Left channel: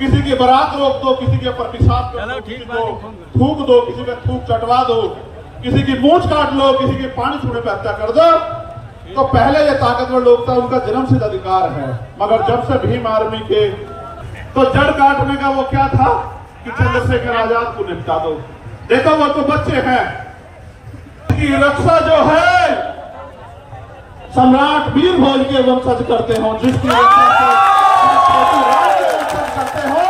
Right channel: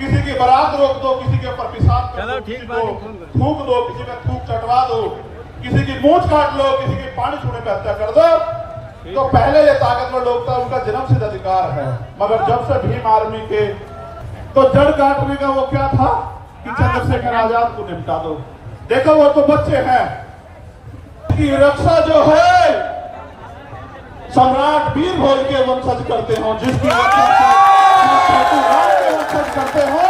किसी की बारात रोक दो, किसी के ऊपर पेशाब कर दो, थूक दो, किसी पे थूक चटवा दो, किसी की मूंछ काट लो, किसी के पानी छूने पे हत्या कर दो। तो पहले ये ताकतवर लोग था, उनका जन्मसिद्ध अधिकार है। मगर जब से भीम आर्मी के तो जड़ काटने का वो क्या था कि चंद्रशेखर आजाद को निपटा दो। देखो वो तो बच्चे हैं, की रक्षा जो है सम्राट वीर भोज के वंशज करते हो, जिसकी रक्षा वंशज करते हो,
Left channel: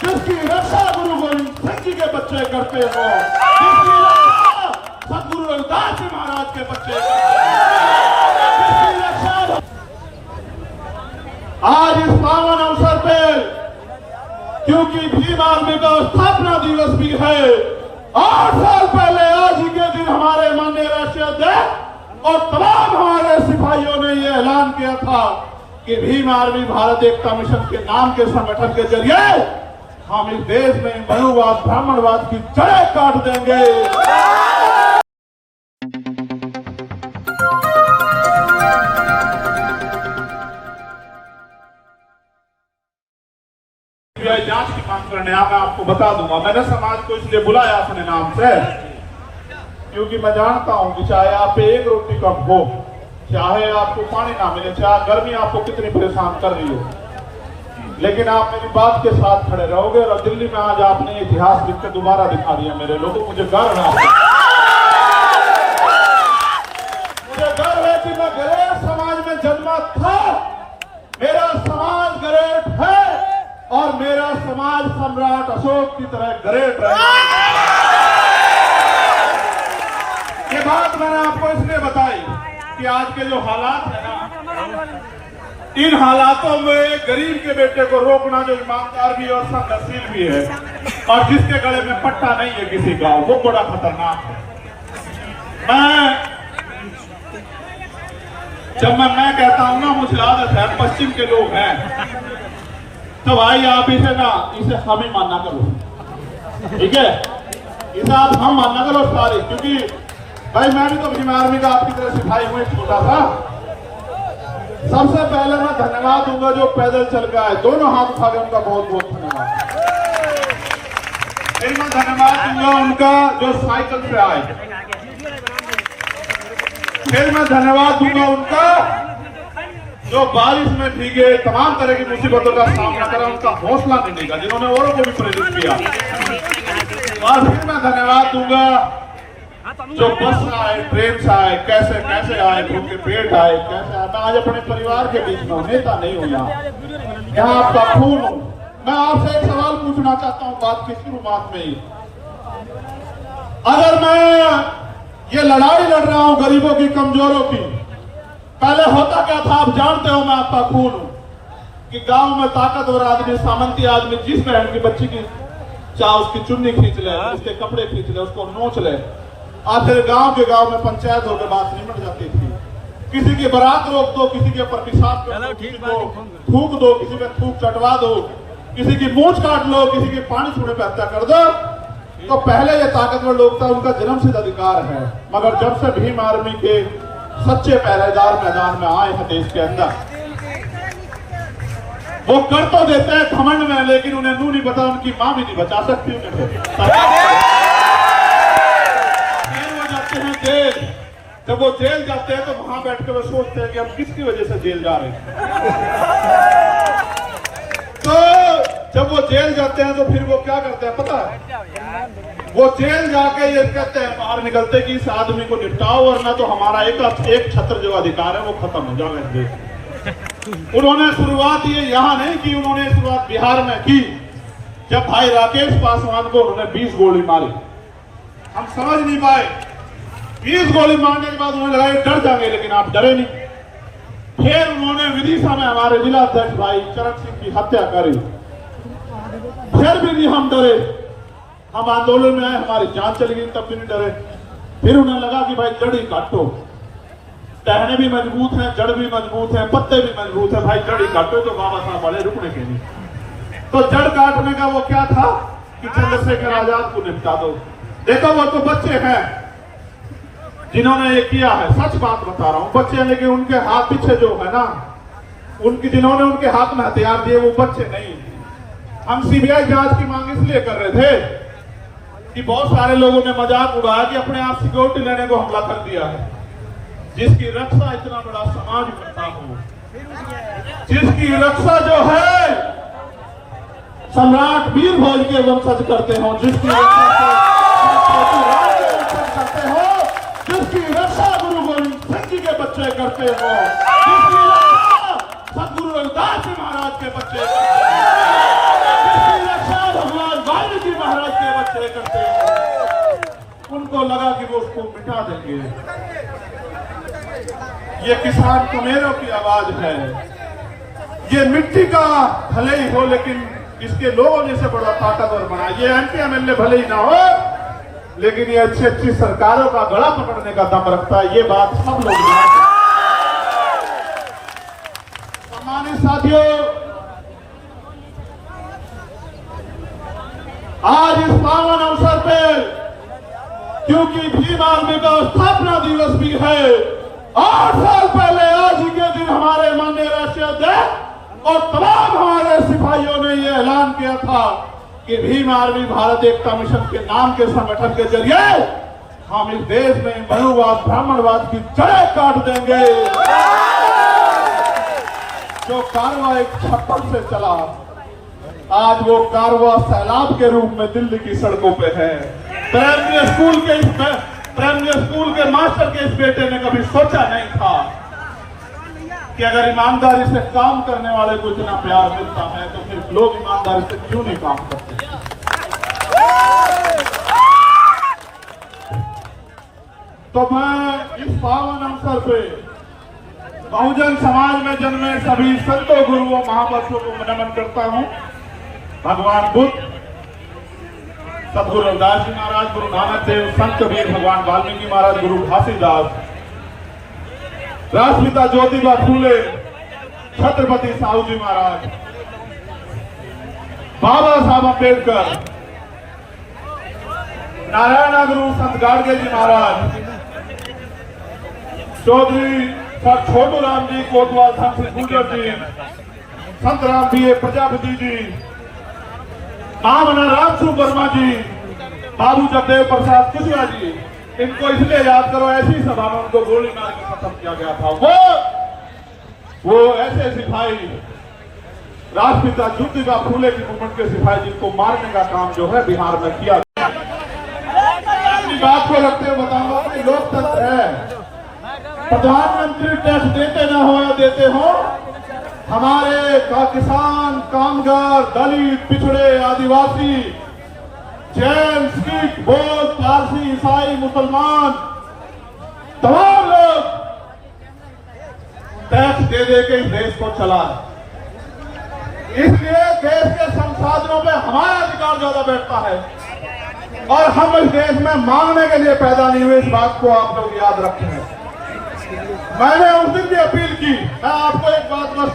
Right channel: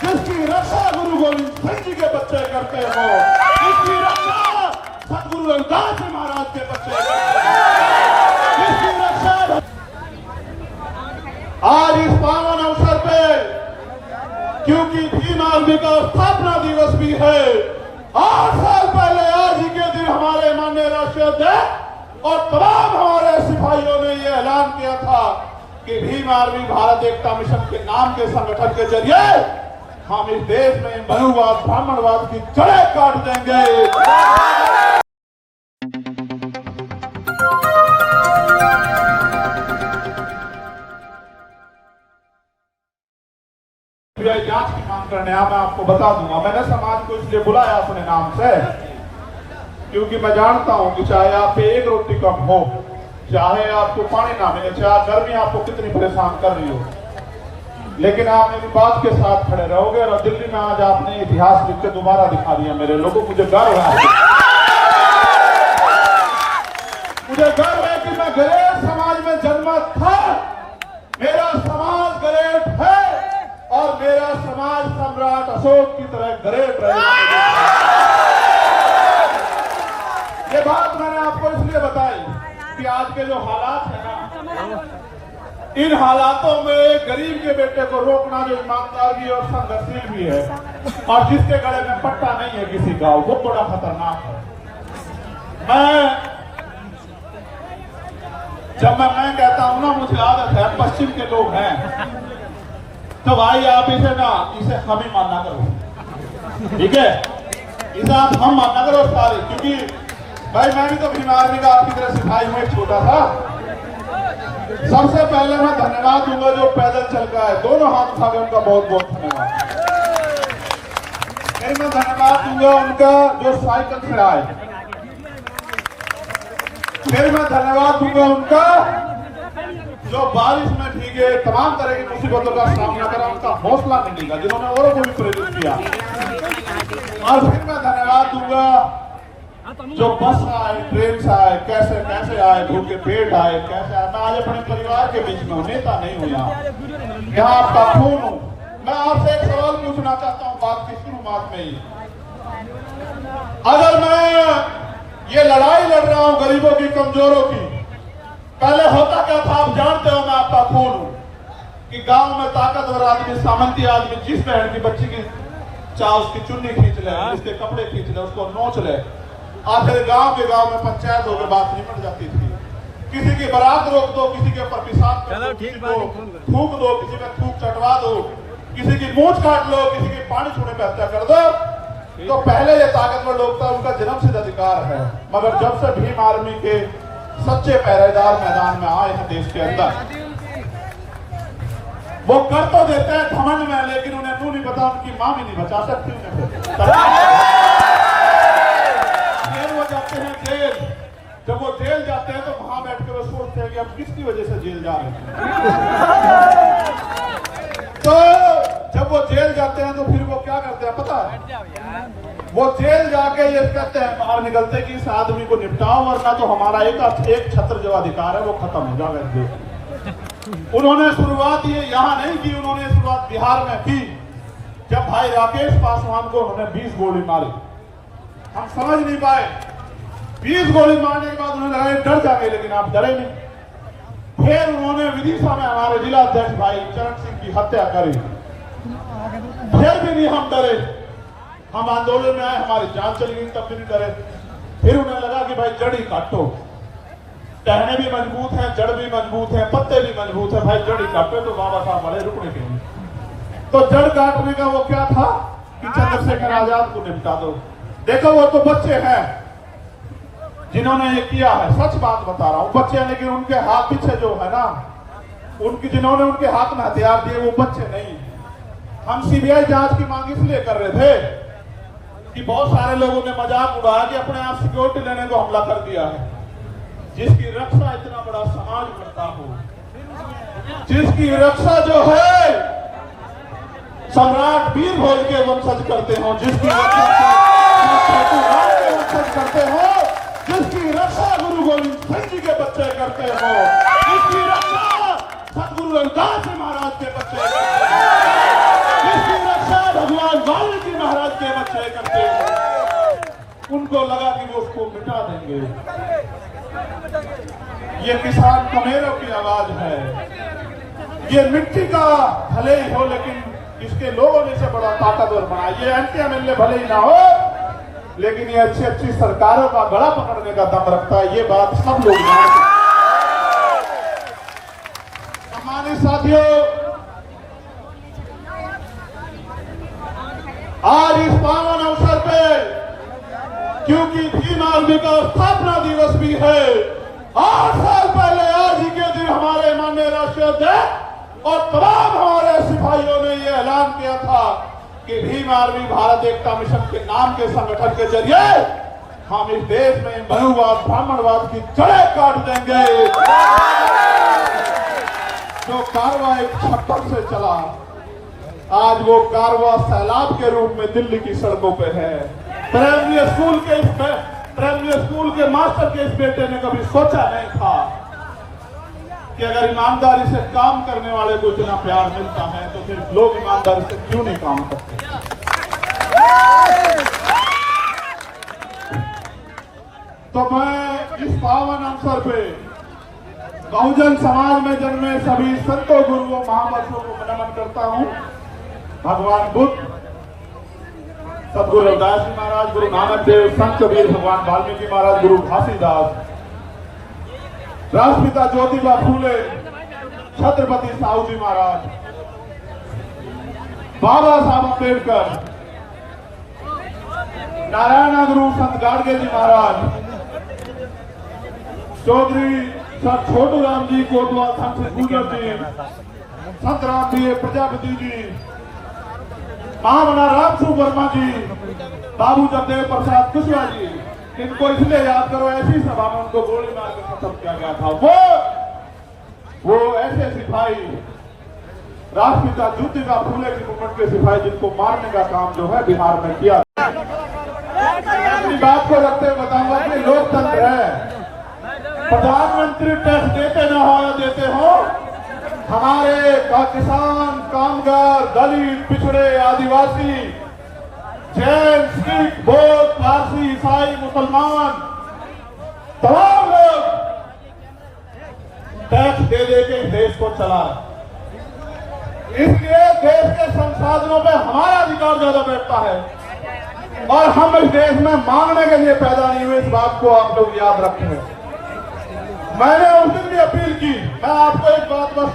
जिसकी रक्षा गुरु गोविंद सिंह जी के बच्चे करते हो, जिसकी रक्षा सतगुरु रविदास जी महाराज के बच्चे करते हो, जिसकी रक्षा आज इस पावन अवसर पे, क्योंकि भीम आर्मी का स्थापना दिवस भी है, 8 साल पहले आज ही के दिन हमारे माननीय राष्ट्रीय अध्यक्ष और तमाम हमारे सिपाहियों ने यह ऐलान किया था कि भीम आर्मी भारत एकता मिशन के नाम के संगठन के जरिए हम इस देश में बहुवाद ब्राह्मणवाद की जड़ काट देंगे। जांच की मांग करने मैं आपको बता दूंगा। मैंने समाज को इसलिए बुलाया अपने नाम से क्योंकि मैं जानता हूं कि चाहे आप पे एक रोटी कम हो, चाहे आपको पानी ना मिले, चाहे गर्मी आपको कितनी परेशान कर रही हो, लेकिन आप मेरी बात के साथ खड़े रहोगे। और दिल्ली में आज आपने इतिहास लिख के दोबारा दिखा दिया मेरे लोगों। मुझे गर्व है, मुझे गर्व है कि मैं गरीब समाज में जन्मा था। मेरा समाज ग्रेट है और मेरा समाज सम्राट अशोक की तरह ग्रेट रहेगा। ये बात मैंने आपको इसलिए बताई कि आज के जो हालात है ना, इन हालातों में गरीब के बेटे को रोकना जो ईमानदार भी और संघर्षशील भी है और जिसके गले में पट्टा नहीं है किसी का, वो बड़ा खतरनाक है। जब मैं कहता हूं ना, मुझे आदत है, पश्चिम के लोग हैं, तो भाई आप इसे हम ही मानना करो, ठीक है? इसे आप हम मानना करो सारे, क्योंकि भाई मैं भी तो भीम आर्मी का आपकी तरह सिखाई हुआ छोटा था। सबसे पहले मैं धन्यवाद दूंगा जो पैदल चल के आए, दोनों हाथ उठा के उनका बहुत बहुत धन्यवाद। फिर मैं धन्यवाद दूंगा उनका जो साइकिल से आए, फिर मैं धन्यवाद दूंगा उनका जो बारिश में भीगे, तमाम तरह की मुसीबतों का सामना करा, उनका हौसला नहीं देगा, जिन्होंने औरों को भी प्रेरित किया। और फिर मैं धन्यवाद दूंगा जो बस में आए, ट्रेन से आए, कैसे कैसे आए, भूखे पेट आए, कैसे आए। मैं आज अपने परिवार के बीच में नेता नहीं हूँ, यहाँ आपका खून हूँ। मैं आपसे एक सवाल पूछना चाहता हूँ बात की शुरुआत में ही। अगर मैं ये लड़ाई लड़ रहा हूँ गरीबों की, कमजोरों की, पहले होता क्या था आप जानते हो, मैं आपका खून हूँ कि गांव में ताकतवर आदमी, सामंती आदमी जिस बहन की बच्ची की चाहे उसकी चुन्नी खींच ले, उसके कपड़े खींच ले, उसको नोच ले। आखिर गांव के गांव में पंचायत होकर बात निपट जाती थी। किसी की बारात रोक दो, किसी के ऊपर पेशाब कर दो, थूक दो, किसी पे थूक चटवा दो, किसी की मूंछ काट लो, किसी के पानी छूने पे हत्या कर दो। तो पहले ये ताकतवर लोग था, उनका जन्मसिद्ध अधिकार है। मगर जब से भीम आर्मी के सच्चे पहरेदार मैदान में आए हैं देश के अंदर, वो कर तो देते हैं घमंड में, लेकिन उन्हें नू नहीं पता, उनकी मां भी नहीं बचा सकती उन्हें। वो जाते हैं जेल, जब वो जेल जाते हैं तो वहां बैठकर वो सोचते हैं कि हम किसकी वजह से जेल जा रहे हैं। तो जब वो जेल जाते हैं तो फिर वो क्या करते हैं पता है? वो जेल जाके ये कहते हैं, बाहर निकलते कि इस आदमी को निपटाओ, वरना तो हमारा एक छत्र जो अधिकार है वो खत्म हो जाएगा। उन्होंने शुरुआत ये यहाँ नहीं की, उन्होंने शुरुआत बिहार में की, जब भाई राकेश पासवान को उन्होंने 20 गोली मारी। हम समझ नहीं पाए, 20 गोली मारने के बाद उन्हें लगा डर जाएंगे, लेकिन आप डरे नहीं। फिर उन्होंने विदिशा में हमारे जिला अध्यक्ष भाई चरण सिंह की हत्या करी, फिर भी नहीं हम डरे। हम आंदोलन में आए, हमारी जान चली गई, तब भी नहीं डरे। फिर उन्हें लगा कि भाई जड़ ही काटो, टहने भी मजबूत हैं, जड़ भी मजबूत है, पत्ते भी मजबूत है, भाई जड़ ही काटो। तो बाबा साहब बड़े रुकने के नहीं। तो जड़ काटने का वो क्या था कि चंद्रशेखर आजाद को निपटा दो। देखो वो तो बच्चे हैं जिन्होंने ये किया है, सच बात बता रहा हूं, बच्चे हैं, लेकिन उनके हाथ पीछे जो है ना, जिन्होंने उनके हाथ में हथियार दिए वो बच्चे नहीं। हम सीबीआई जांच की मांग इसलिए कर रहे थे कि बहुत सारे लोगों ने मजाक उड़ाया कि अपने आप सिक्योरिटी लेने को हमला कर दिया है, जिसकी रक्षा इतना बड़ा समाज करता हो, जिसकी रक्षा जो है सम्राट वीर भोज के वंशज करते हो, जिसकी रक्षा के वंशज करते हो, जिसकी रक्षा गुरु गोविंद सिंह जी के बच्चे करते हो, जिसकी रक्षा सतगुरु रविदास जी महाराज के बच्चे करते हो, जिसकी रक्षा भगवान वाल्मीकि महाराज के बच्चे करते हो, उनको लगा कि वो उसको मिटा देंगे। ये किसान कमेरों की आवाज है, ये मिट्टी का भले ही हो लेकिन इसके लोगों ने इसे बड़ा ताकतवर बनाया। ये एंटी एमएलए भले ही ना हो लेकिन ये अच्छी अच्छी सरकारों का गला पकड़ने का दम रखता है, ये बात सब लोग जानते हैं। सम्मानित साथियों, आज इस पावन अवसर पे क्योंकि भीम आर्मी का स्थापना दिवस भी है, 8 साल पहले आज ही के दिन हमारे माननीय राष्ट्रीय अध्यक्ष और तमाम हमारे सिपाहियों ने यह ऐलान किया था कि भीम आर्मी भारत एकता मिशन के नाम के संगठन के जरिए हम इस देश में बहुवाद ब्राह्मणवाद की जड़ काट देंगे। जो कारवां एक छप्पर से चला, आज वो कारवां सैलाब के रूप में दिल्ली की सड़कों पे है। प्राइमरी स्कूल के मास्टर के इस बेटे ने कभी सोचा नहीं था कि अगर ईमानदारी से काम करने वाले को इतना प्यार मिलता है तो फिर लोग ईमानदारी से क्यों नहीं काम करते। तो मैं इस पावन अवसर पे बहुजन समाज में जन्मे सभी संतों गुरुओं महापुरुषों को नमन करता हूं। भगवान बुद्ध, सदगुरु रविदास जी महाराज, गुरु नानक देव, संत कबीर, भगवान वाल्मीकि महाराज, गुरु घासीदास, राष्ट्रपिता ज्योतिबा फूले, छत्रपति साहू जी महाराज, बाबा साहब अम्बेडकर, नारायण गुरु संत गाडगे जी महाराज, चौधरी सर छोटू राम जी कोतवाल, संत गुजर जी, संत राम बी प्रजापति जी, महामना रामसू वर्मा जी, बाबू जगदेव प्रसाद कुशवाहा जी, इनको इसलिए याद करो ऐसी सभा में उनको गोली मार के खत्म किया गया था। वो ऐसे सिपाही राष्ट्रपिता ज्योतिबा फूले की मूवमेंट के सिपाही जिनको मारने का काम जो है बिहार में किया। अपनी बात को रखते हुए बताऊंगा कि लोकतंत्र है, प्रधानमंत्री टैक्स देते ना हो या देते हो, हमारे किसान, कामगार, दलित, पिछड़े, आदिवासी, जैन, सिख, बौद्ध, पारसी, ईसाई, मुसलमान, तमाम लोग टैक्स दे के इस देश को चला। इसलिए देश के संसाधनों पे हमारा अधिकार ज्यादा बैठता है और हम इस देश में मांगने के लिए पैदा नहीं हुए, इस बात को आप लोग याद रखें। मैंने उस दिन भी अपील की, मैं आपको एक बात बस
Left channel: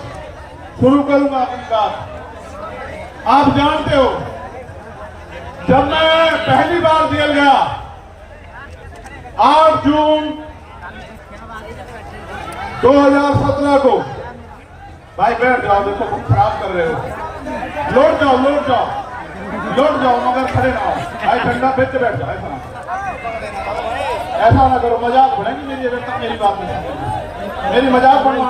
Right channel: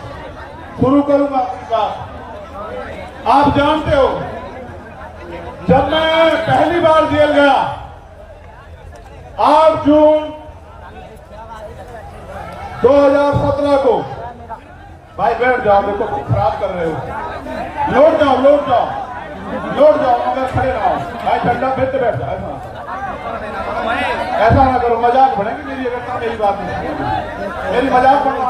शुरू करूंगा अपनी बात। आप जानते हो जब मैं पहली बार जेल गया 8 जून 2017 को, भाई बैठ जाओ, देखो तुम खराब कर रहे हो, लौट जाओ मगर खड़े ना हो भाई, ठंडा फिर बैठ जाओ, ऐसा ना करो, मजाक बढ़ेंगे मेरी बात नहीं, मेरी मजाक बढ़ेगी,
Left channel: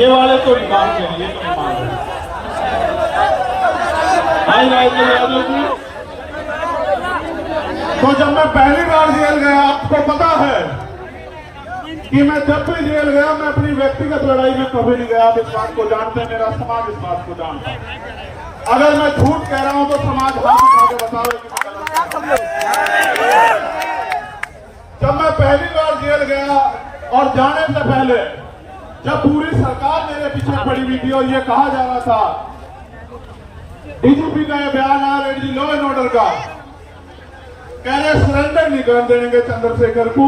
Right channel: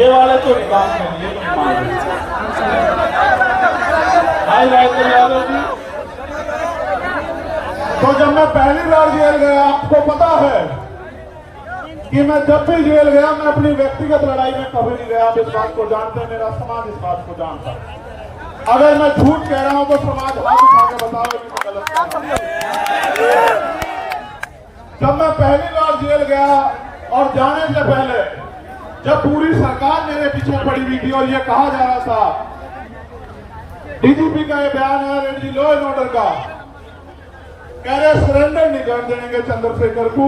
ये वाले तो निकाल यादव जी। तो जब मैं पहली बार जेल गया, आपको पता है कि मैं जब भी जेल गया मैं अपनी व्यक्तिगत लड़ाई में कभी नहीं गया, इस बात को जानते हैं, मेरा समाज इस बात को जानता। अगर मैं झूठ कह रहा हूं तो समाज हाथ उठा के बताओ कि मैं गलत कह रहा हूं। जब मैं पहली बार जेल गया और जाने से पहले जब पूरी सरकार मेरे पीछे पड़ी हुई थी और ये कहा जा रहा था, डीजीपी का ये बयान आया एडीजी लॉ एंड ऑर्डर का, कह रहे सरेंडर नहीं कर देंगे चंद्रशेखर को,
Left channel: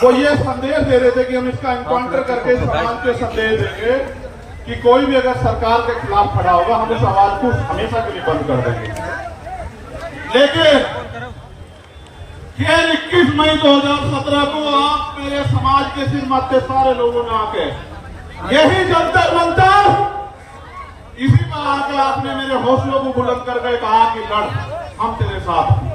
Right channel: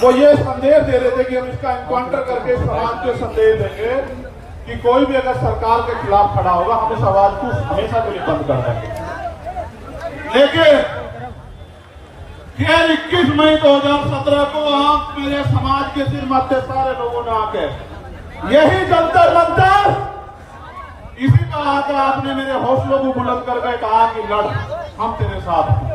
वो ये संदेश दे रहे थे कि हम इसका एनकाउंटर करके इस बात पे संदेश देंगे कि कोई भी अगर सरकार के खिलाफ खड़ा होगा हम इस आवाज को हमेशा के लिए बंद कर देंगे। लेकिन 21 मई 2017 को आप मेरे समाज के सिर मध्य सारे लोगों ने आके यही जंतर मंतर, इसी पर आकर आपने मेरे हौसलों को बुलंद करके कहा कि लड़, हम तेरे साथ हैं।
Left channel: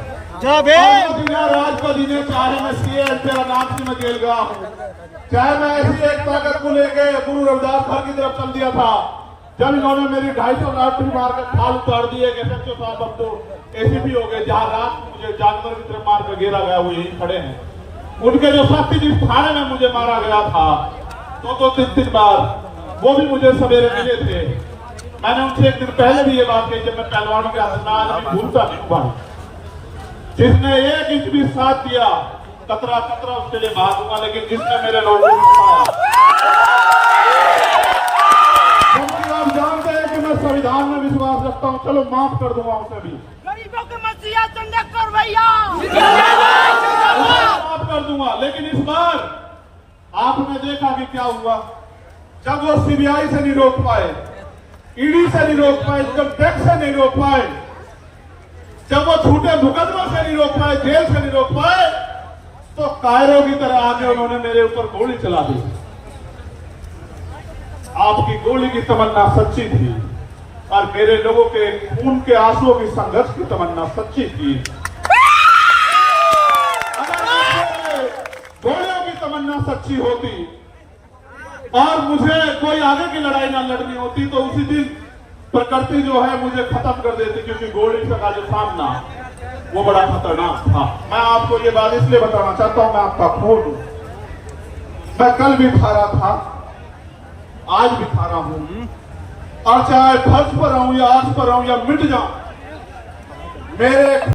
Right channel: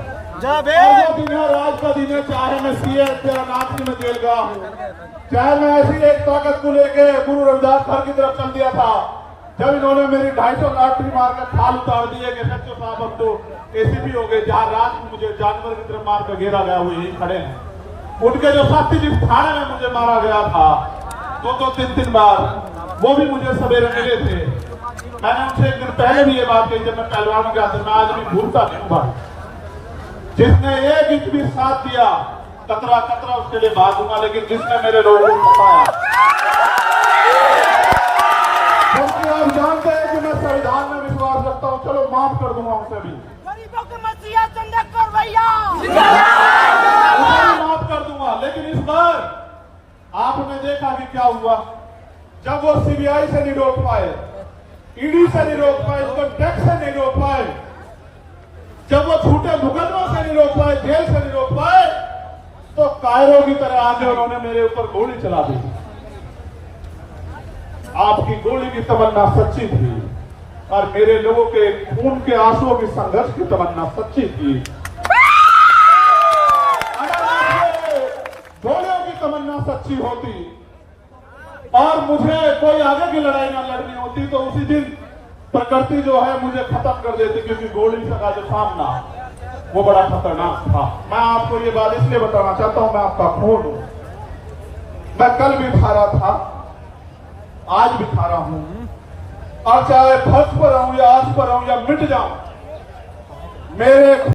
बिना राज का दिन, चाहे मैं सीएम तेरा नाम से मैं जेल गया हूँ, चाहे मैं ऐसी एक ताकत को लेके गुरु रविदास घर की तरफ चल दिया था, जब इन्होंने मेरी 250 लाख भी मारकर खाल उतार दिए कि सच्चो साहब अब तो एसीपी हो गए, जहाँ रात में मुझे जानवर की तरफ मारकर घेरा गया, वो यही खड़े हैं। उनके जो साथी जिस थाने में मुझे मारा गया था, 2-3 बार, वो भी मुझे सवेरे मिले थे। मैंने उनसे एक दिन पहले भी ये बात कही, जब मैं पहलवान का सरदार भी भूलता नहीं था, जिसने 1 इंच भी साथ दिया, कतरा कतरा उसके लिए बात दूंगा, लेकिन जिसने मेरे लोगों को बताया, क्योंकि आप जानते हैं कि मैं संविधान में विश्वास रखता हूं, चलो माफ कर दूंगा उसे भी, गरीबों के मसीहा चंद्रशेखर भैया माफ कर दूंगा। लेकिन इस बार आपने देखा कि क्या हुआ, जब वो सीबीआई से नहीं रोक पाए, ईडी से नहीं रोक पाए, इनकम टैक्स से नहीं रोक पाए, जब वो छूटे मुकदमों से नहीं रोक पाए, जेल से नहीं रोक पाए, तो कायरों की तरह आगे उन्होंने मेरे ऊपर गोली चला दी। आपकी गोली की तमन्ना सच्ची थी और मेरे लोगों के खून के आंसुओं की संघर्ष की तमन्ना सच्ची थी। गोलियों की तमन्ना सच्ची होती और मुझे कोई आगे की लड़ाई ना लड़नी होती, तो उसी दिन प्रकृति जो है मुझे खत्म कर देती, क्योंकि गोली का जो सामना वो बड़ा खतरनाक था। मैं आपको ये बात इसलिए बताना चाहता हूं, मैं आपका खून हूं, मैं कल भी थारा था, आज भी थारा हूं, और चाहे फर्श पर रहूं या आस पर रहूं या मिट जाऊं, मेरे